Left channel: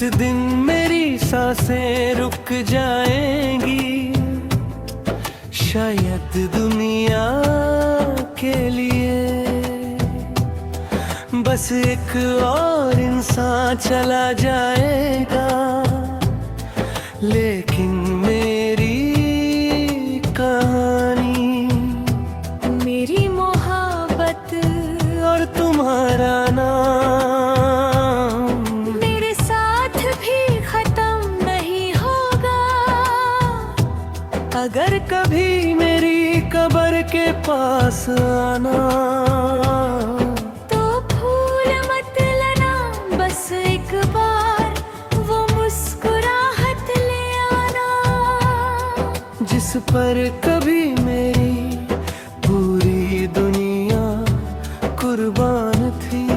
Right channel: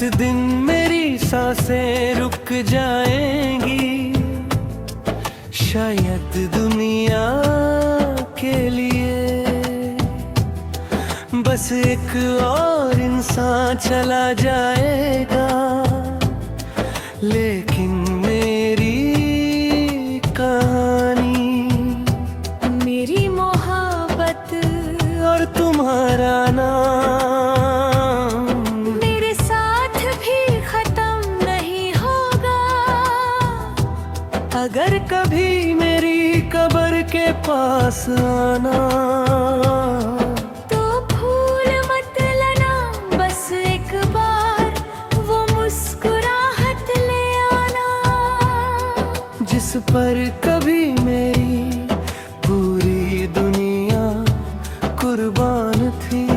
दिन मेरी सांसें रुक जाएंगी, शायद दुनिया के लिए बस एक और इंसान चला जाएगा, लेकिन मेरी कहानी, मेरी मोहब्बत और तुम्हारा नाम मेरे साथ भी खत्म नहीं होगा। अगर कभी मेरी कब्र के पास आना, तो भूल मत लेना, बस एक बार वो मुस्कुराहट ले आना, जिस पर कभी मेरी पूरी दुनिया कुर्बान थी।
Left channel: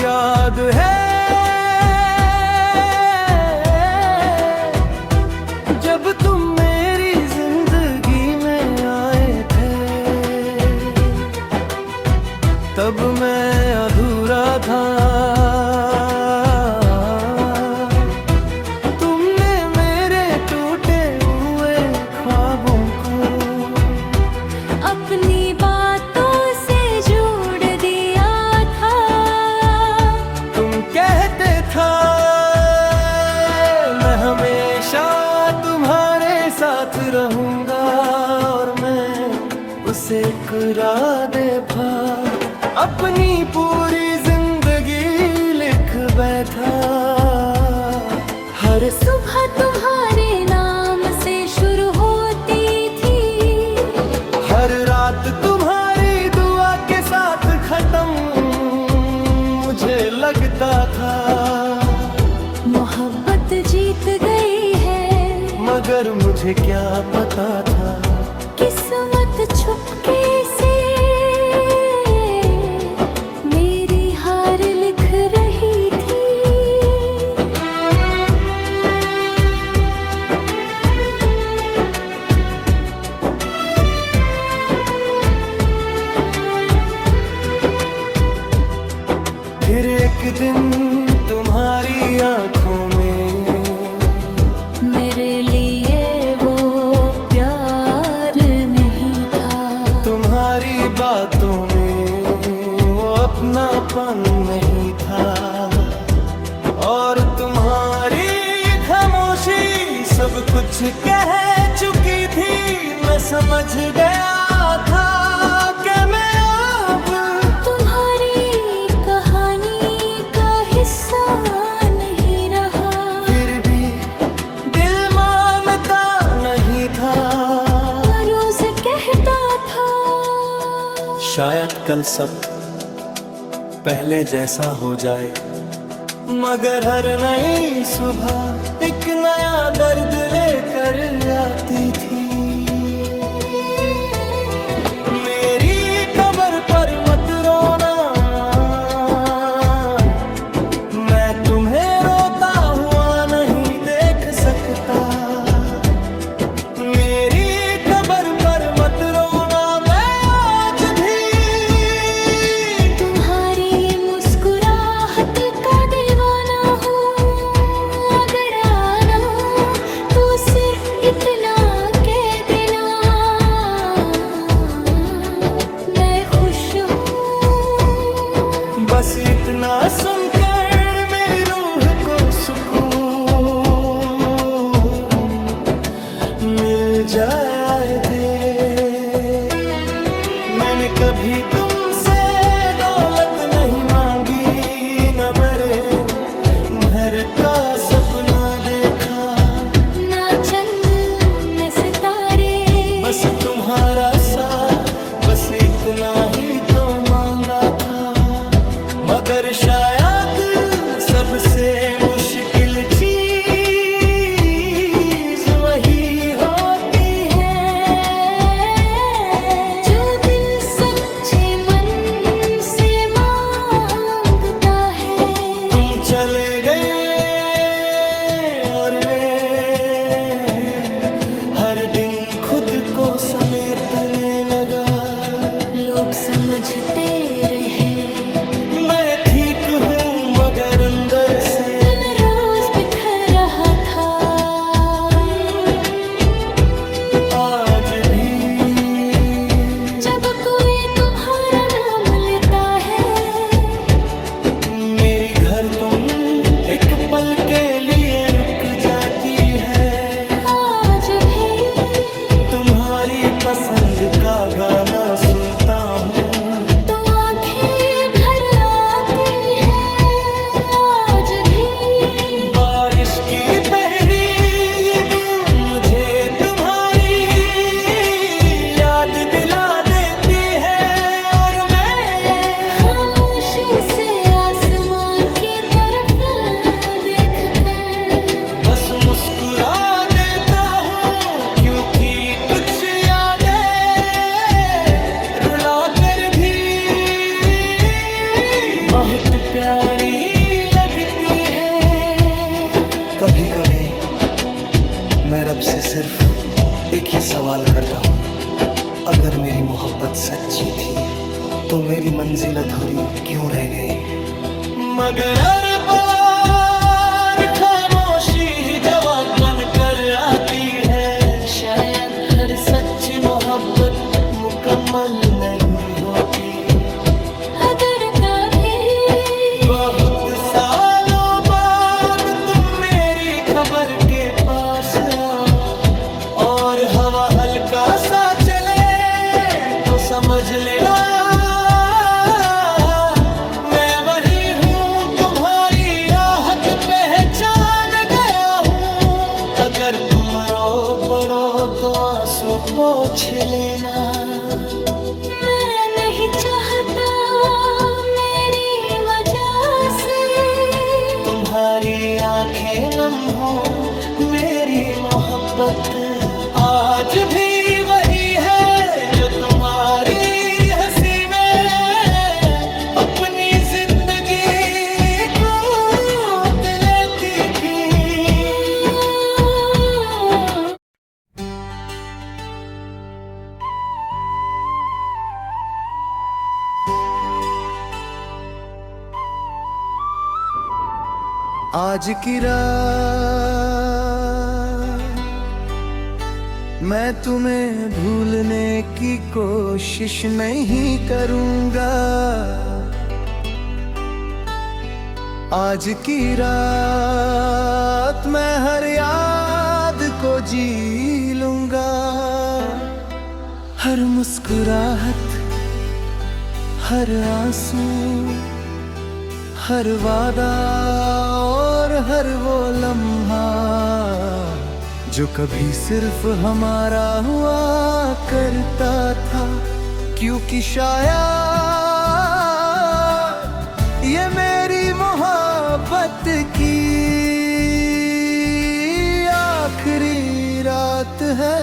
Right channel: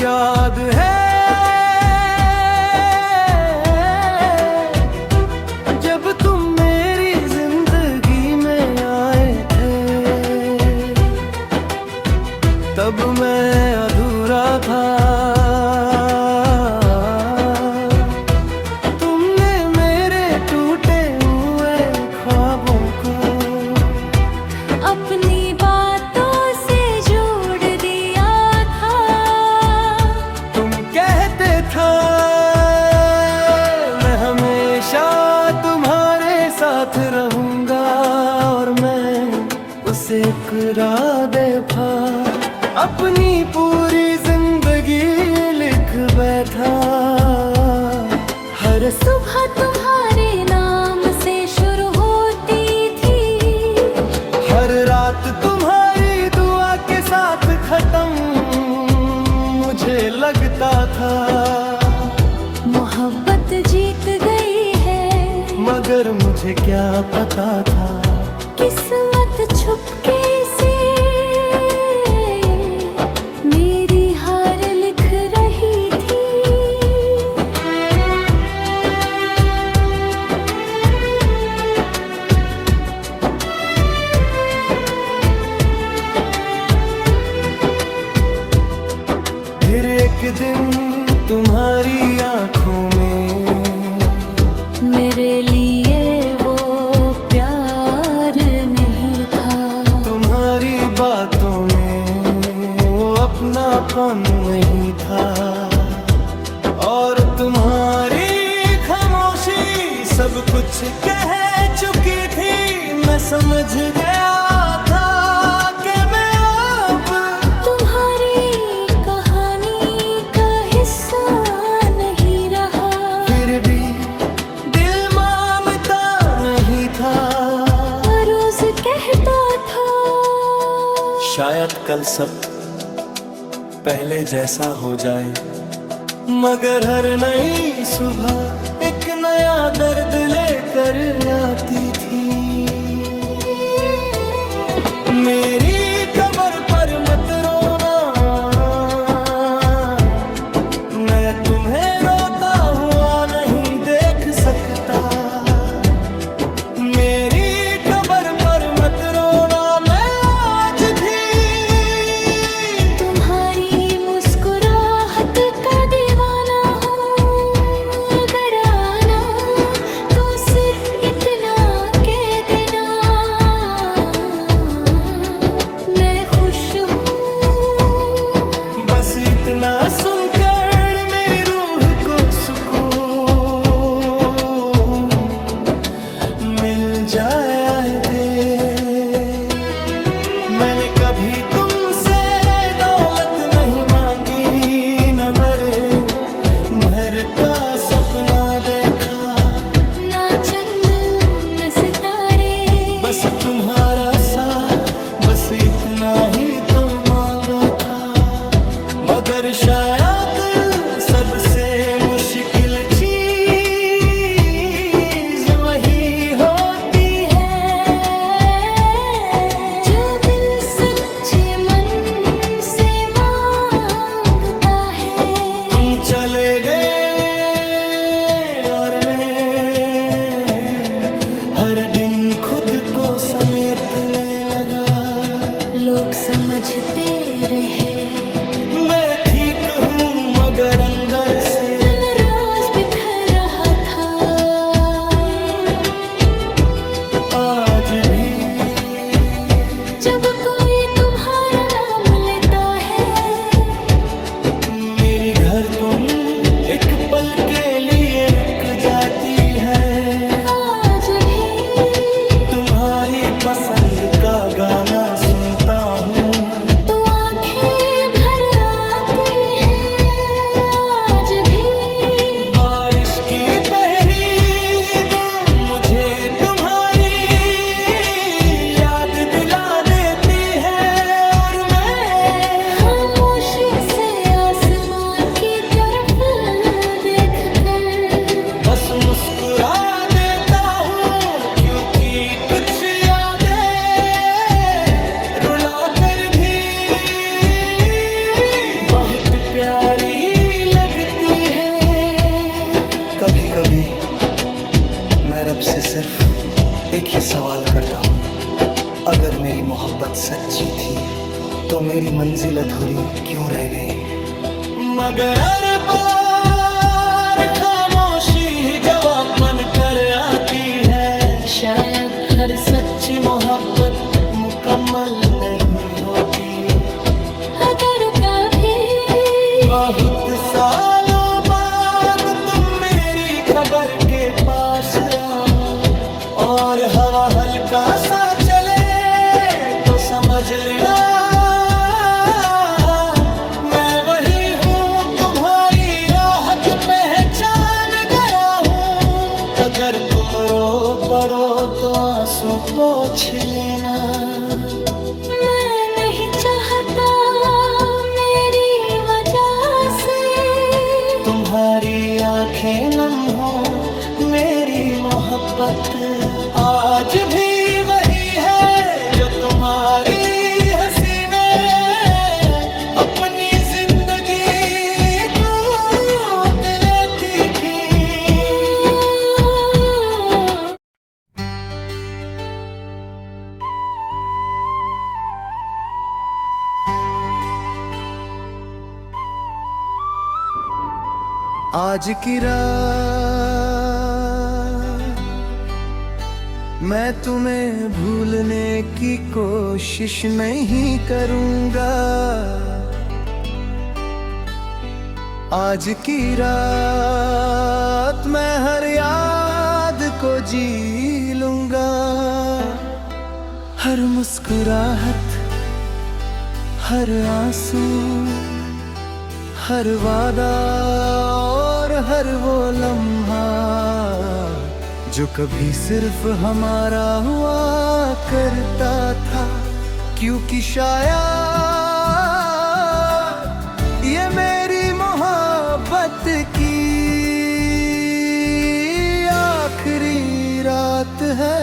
याद है जब तुम मेरी जिंदगी में आए थे, तब मैं अधूरा था। तुमने मेरे टूटे हुए ख्वाबों को अपनी बातों से जोड़ दिया था। तुम कहते था मैं हमेशा तुम्हारे साथ रहूंगा, और मैं उसे इकरार था अपनी पूरी जिंदगी लिख बैठा। हर सुबह तुम्हारे नाम से शुरू होती थी, हर रात तुम्हारी दुआ के साथ खत्म मुझे लगता था। मोहब्बत जीत गई है, मगर मुझे क्या पता था किस्मत छुपके से मेरी हार लिख रही थी। फिर एक दिन तुम्हारी आंखों में मेरे लिए वो प्यार नहीं था, तुम्हारी बातों में वो अपनापन नहीं था, और तुम्हारी खामोशी सब कुछ कह चुकी थी। मैं समझ गया था कि मैं अब तुम्हारी कहानी का हिस्सा नहीं रहा। फिर भी दिल मानता नहीं था, रोज कहता था शायद कल सब पहले जैसा हो जाए, मगर हर नई सुबह एक नया दर्द लेकर आती थी। मेरी कब्र पर मत रोना, मैं तुम्हें रोता हुआ नहीं देख सकता। मेरी कब्र पर मत रोना, मैं आज भी तुम्हारी मुस्कुराहट का दीवाना हूँ। अगर आना तो सिर्फ इतना कह देना, मैं खुश हूँ। बस इतना सुनकर मेरी रूह को सुकून मिल जाए थे। मैंने कभी तुमसे दौलत नहीं मांगी, न बड़े घर का सपना देखा, ना चंद न सितारे, बस तुम्हारा साथ, बस इतना ही तो मांगा था। मगर शायद सबसे मुश्किल चीज वही होती है जो दिल सच्चे मन से मांग हर दिन खुद को समेटने लगा। लोग समझते रहे मैं ठीक हूँ मगर अंदर से मैं रोज बिखर रहा था। आज भी जब कोई तुम्हारा नाम लेता है, मेरी घर तुम एक पल के लिए रुक जाती है। आज भी तुम्हारी पसंद का गाना सुनता हूँ तो आंखें भर आती है। आज भी बारिश की पहली बूंद मुझे तुम्हारी याद दिला देती है। और मैं खामोशी से आसमान की तरफ देखकर बस मुस्कुरा देता हूँ, क्योंकि कुछ यादें रुला कर भी बहुत प्यारी लगती है। कभी कभी मैं रब से सिर्फ एक ही सवाल करता हूँ, अगर मेरी मोहब्बत सच्ची थी तो मेरी मंजिल अधूरी क्यों रह गई। मगर हर बार खामोशी ही जवाब बनकर आती है। शायद हर सच्ची मोहब्बत मुकम्मल नहीं होती। अगर कभी बहुत सालों बाद तुम मेरी खबर के पास आओ और हवा हल्का सा चले तो समझ लेना मैं वही हूँ, तुम्हारी आहट पहचान गया हूँ। अगर तुम रो पड़ो तो आंसू पोंछ लेना। मैं नहीं चाहता मेरी वजह से तुम्हारी आंखें नम हो, मेरी मोहब्बत आज भी वही है जो तुम्हारी हंसी में अपनी जिंदगी कूद लेती थी। आज की रात मैं तुम्हें भूलने की कोशिश नहीं करूंगा। आज की रात मैं हर याद को जी लूंगा। हर मुस्कुराहट, हर आंसू, हर वादा और हर वो लम्हा जो कभी सिर्फ हमारा हुआ करता था। क्योंकि शायद ये मेरी मोहब्बत की आखिरी रात है।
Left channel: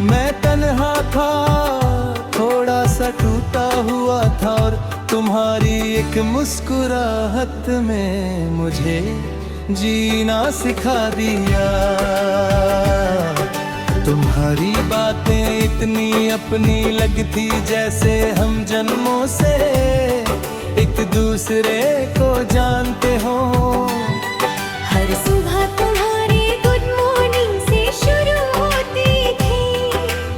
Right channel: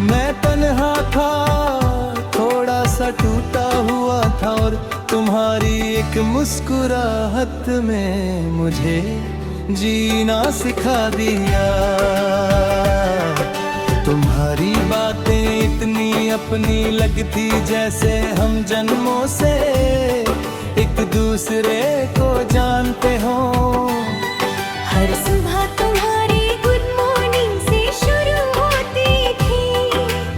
मैं तन्हा था, थोड़ा सा टूटा हुआ था और तुम्हारी एक मुस्कुराहट में मुझे जीना सिखा दिया। तुम्हारी बातें इतनी अपनी लगती जैसे हम जन्मों से एक दूसरे को जानते हो। हर सुबह तुम्हारी गुड मॉर्निंग से शुरू होती थी।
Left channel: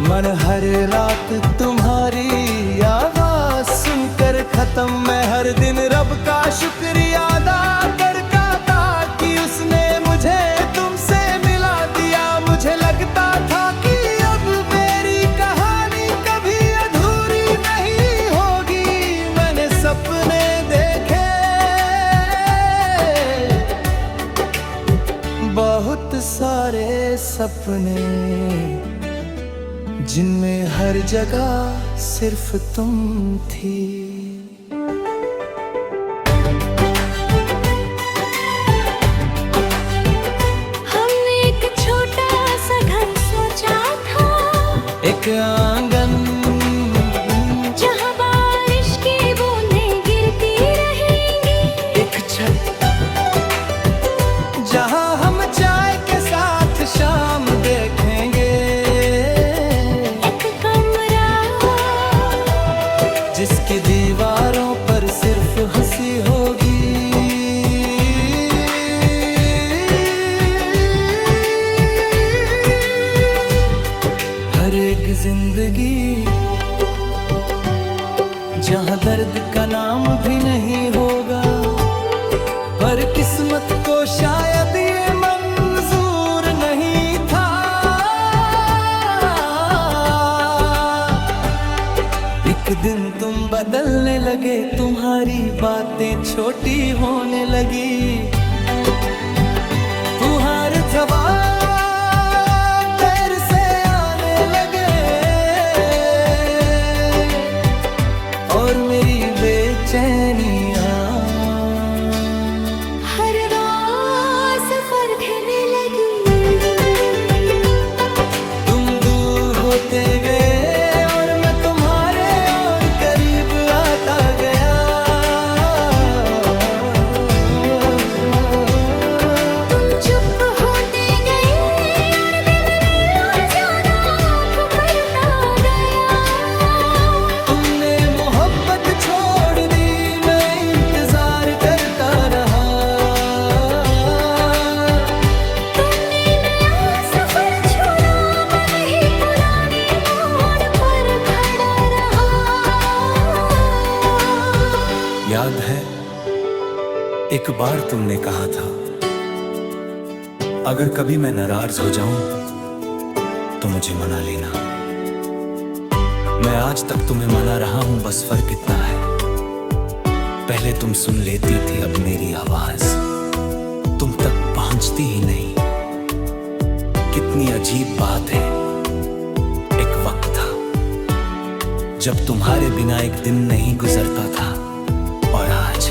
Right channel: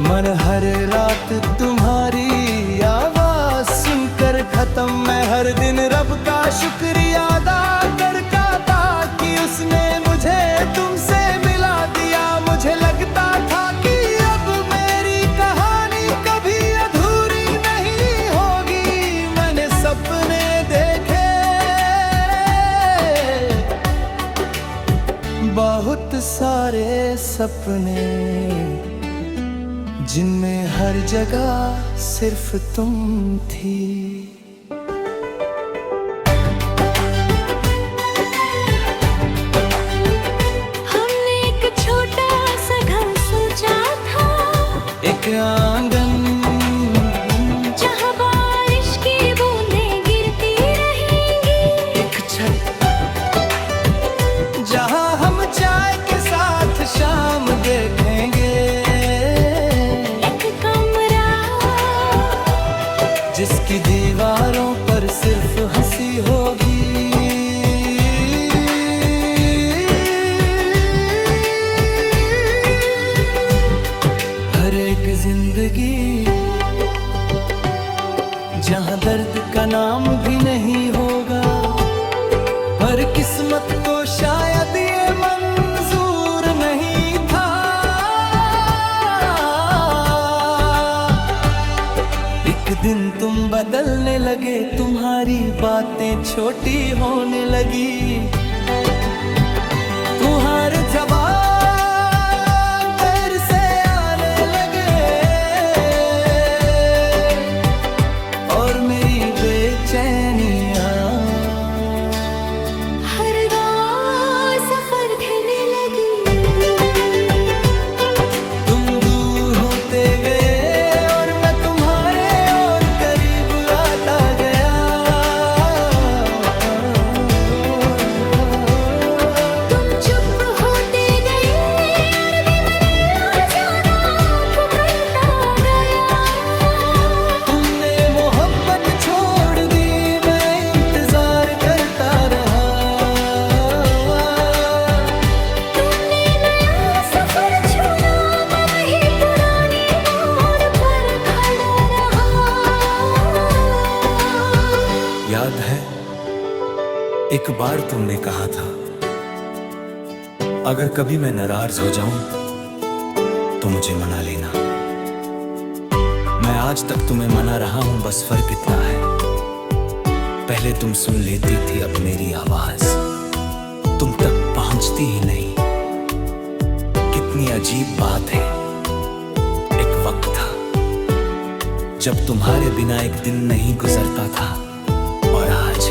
मन हर रात तुम्हारी आवाज सुनकर खत्म। मैं हर दिन रब का शुक्रिया अदा करता था कि उसने मुझे तुमसे मिला दिया। मुझे लगता था कि अब मेरी कहानी कभी अधूरी नहीं होगी। मैंने सपने देखे बहुत सारे सपने, जिनमें हर जगह सिर्फ तुम थी। हमने एक छोटा सा घर सोचा था, एक आंगन जहाँ बारिश की बूंदें गिरती रहेंगी, एक छत जहाँ हम चाय के साथ शाम देखेंगे, एक कमरा जिसकी दीवारों पर सिर्फ हंसी होगी। हर एक जिंदगी जहाँ दर्द का नाम भी नहीं होगा, पर किस्मत को शायद ये मंजूर नहीं था। एक दिन तुम बदलने लगे, तुम्हारी बातें छोटी होने लगी, तुम्हारे जवाब देर से आने लगे, और मेरी बेचैनियां हर रात सफर देने लगी। तुम दूर होते गए और मैं तुम्हारे और करीब आता गया। तुम चुप होते गए और भी मैंने और ज्यादा पुकारता गया। तुमने मोहब्बत छोड़ दी, मैं इंतजार करता रहा। तुमने नया सफर चुना, मैं वही पुराने मोड़ पर खड़ा रहा। याद है एक बार तुमने कहा था, अगर कभी मैं नाराज हो जाऊं तो मुझे मना लेना। मैं आज तक तुम्हें मना रहा हूं, बस फर्क इतना है, पहले तुम सुन लेती थी, अब मेरी आवाज तुम तक पहुंचती ही नहीं। कितनी अजीब बात है, एक वक्त था जब तुम्हारे बिना एक दिन नहीं गुजरता था, और आज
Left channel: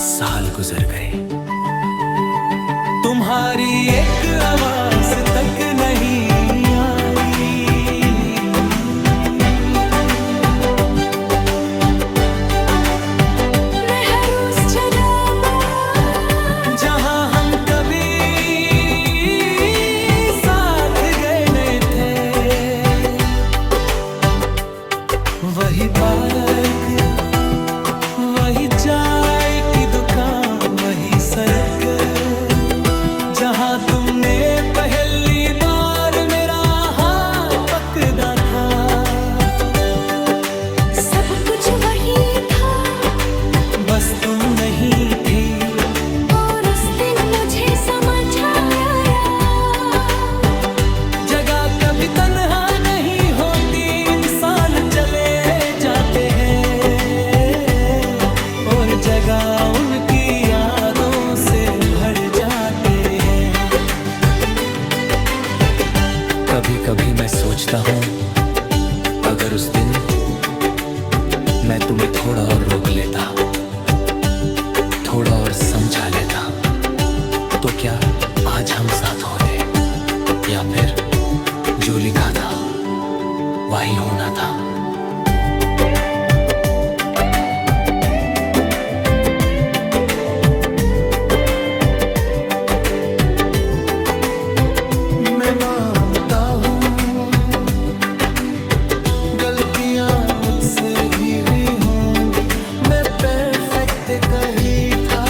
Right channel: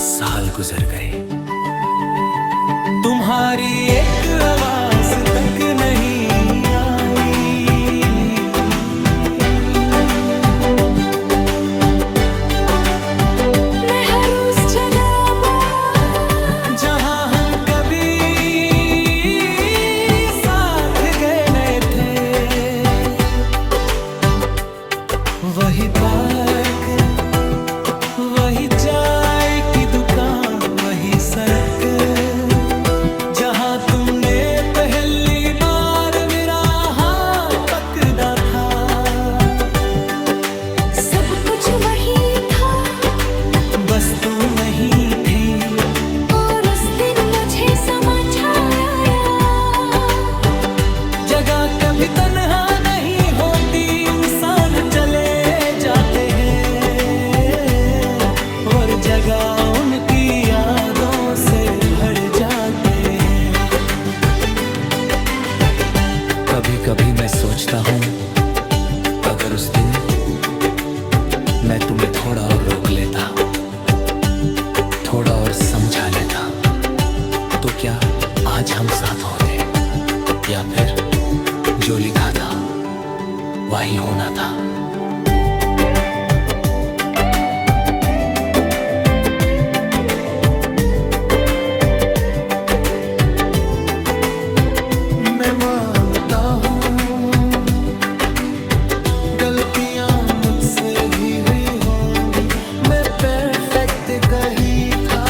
साल गुजर गए, तुम्हारी एक आवाज तक नहीं आई। मैं हर उस जगह पर जहां हम कभी साथ गए नहीं थे, वही पार्क, वही चाय की दुकान, वही सड़क जहां तुमने पहली बार मेरा हाथ पकड़ा था। सब कुछ वही था, बस तुम नहीं थी, और उस दिन मुझे समझ आया, जगह कभी तन्हा नहीं होती, इंसान चले जाते हैं और जगह उनकी यादों से भर जाते हैं। कभी कभी मैं सोचता हूँ, अगर उस दिन मैं तुम्हें थोड़ा और रोक लेता, थोड़ा और समझा लेता, तो क्या आज हम साथ होते, या फिर जो लिखा था वही होना था। मैं मानता हूँ गलतियाँ मुझसे भी हुई होंगी, मैं परफेक्ट कहीं था,